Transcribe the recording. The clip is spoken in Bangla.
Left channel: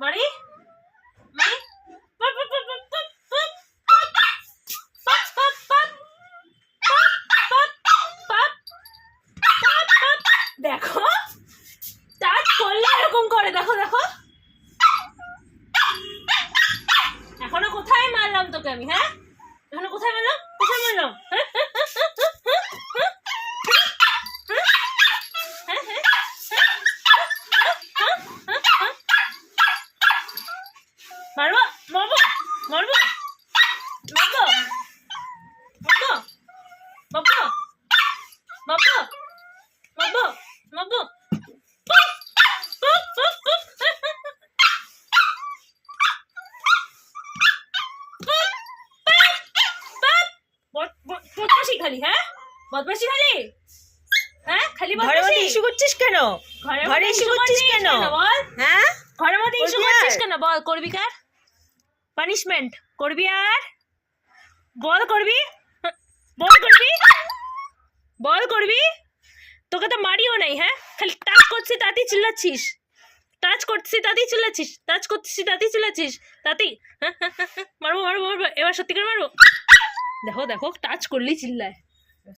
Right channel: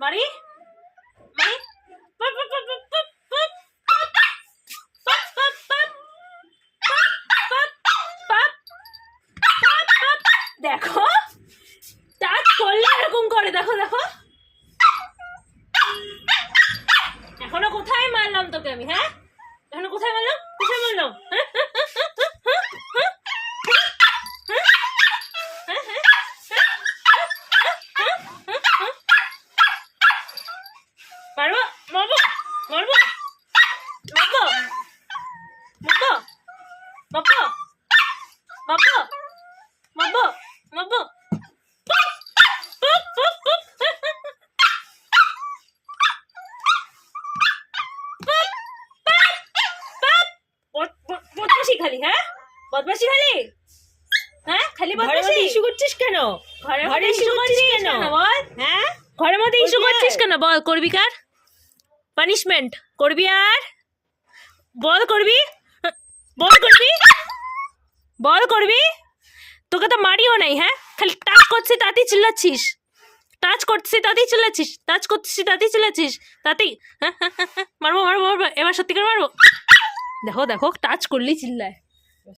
মারি মারি দেখো টাচ করলে এরকম করে, দেখো দেখো। এখনো কোথায় মারলাম তোকে আমি? হ্যাঁ, এখনো কোথায় মারলাম? কোথায় মারলাম? মারবো মারবো মারবো মারবো মারবো মারবো মারবো মারবো মারবো। বদমাশি খালি, হ্যাঁ বদমাশি খালি, হ্যাঁ খালি ঘরের মধ্যে ইস্যু করছিস কেন? ঘরে ইস্যু করছিস কেন? বল, হ্যাঁ ঘরের মধ্যে ইস্যু করছিস কেন? বল, করবি কার পানিশমেন্ট? করবি আর বল, করবি বল, করবি বল, করবি? তোকে তো মারিও নাই, হ্যাঁ খালি টাচ করছি তাতেই চিল্লাচ্ছিস, টাচ করছি তাতেই চিল্লাচ্ছিস, টাচ করছিস তাতেই চিল্লাচ্ছিস, তাতেই মারবো মারবো মারবো। এবার সত্যি করে মারবো। দেখো দেখো টাচ করলেই চিল্লায়।